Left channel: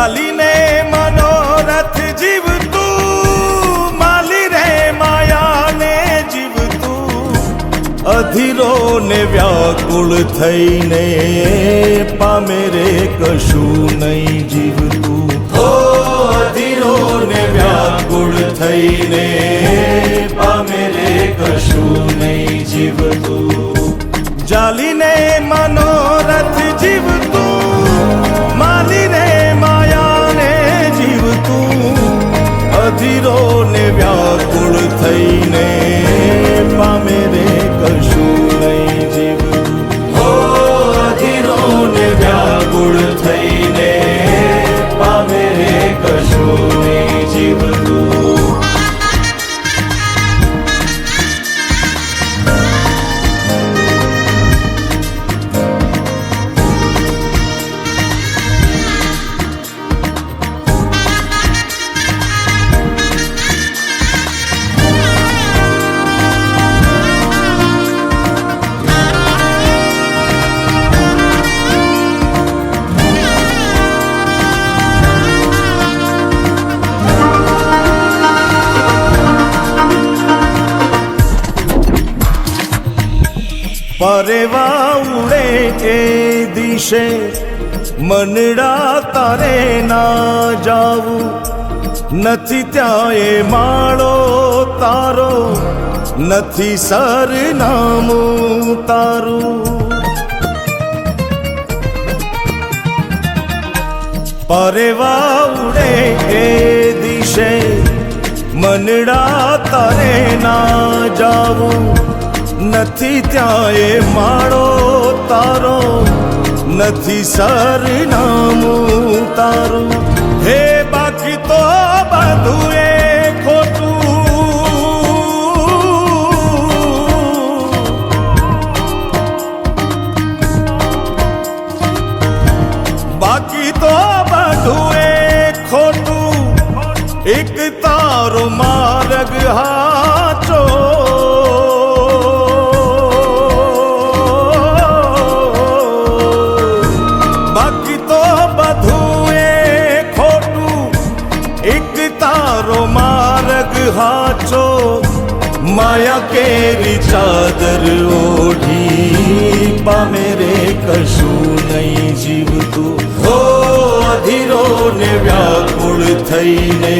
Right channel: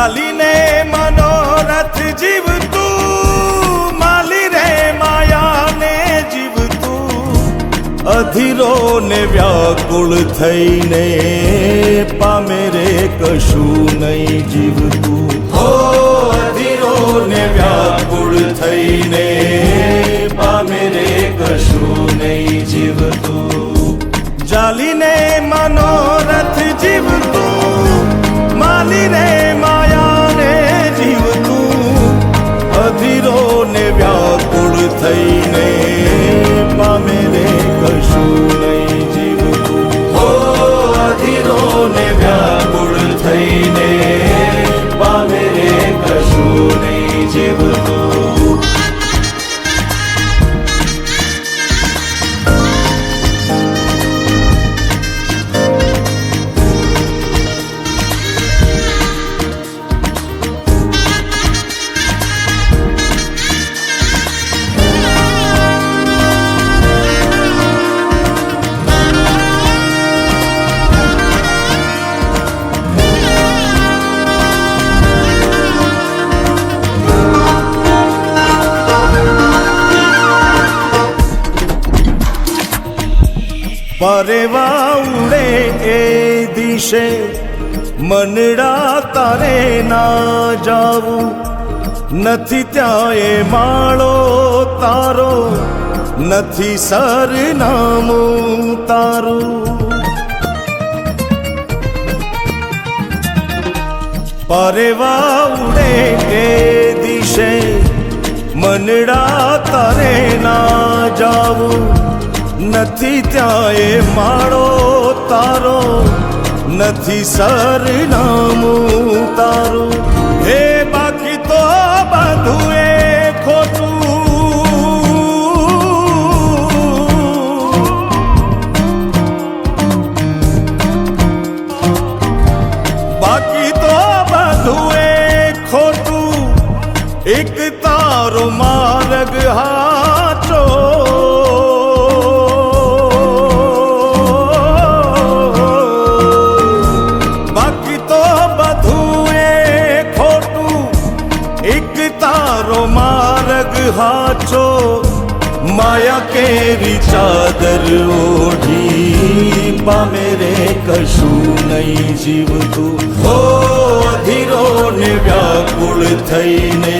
ચાલીને મનોરથ જીવતું, માલી રે માયાને જીવતું, અધીરો ને વ્યાકુળ થઈને પામે રે કશું નહીં જીવતું. ઓ અધીરો ને વ્યાકુળ થઈને પામે રે કશું નહીં જીવતું. ચાલીને મનોરથ જીવતું, માલી રે માયાને જીવતું, અધીરો ને વ્યાકુળ થઈને પામે રે કશું નહીં જીવતું. ઓ અધીરો ને વ્યાકુળ થઈને પામે રે કશું નહીં જીવતું. પરેવા ઉડે એ દિશે મનડા તારે ના જાવું, નથી ત્યાં એ માળો તારો, નથી સરનામું તારું. પરેવા ઉડે એ દિશે મનડા તારે ના જાવું, નથી ત્યાં એ માળો તારો, નથી સરનામું તારું. હે બાકી તો બધું એ ખોટું, બાકી તો બધું એ ખોટું, એક તારો માર્ગ હાચો. તારો માર્ગ હાચો, માયા કેરી ચાદર ઓઢી પામે રે કશું નહીં જીવતું. ઓ અધીરો ને વ્યાકુળ થઈને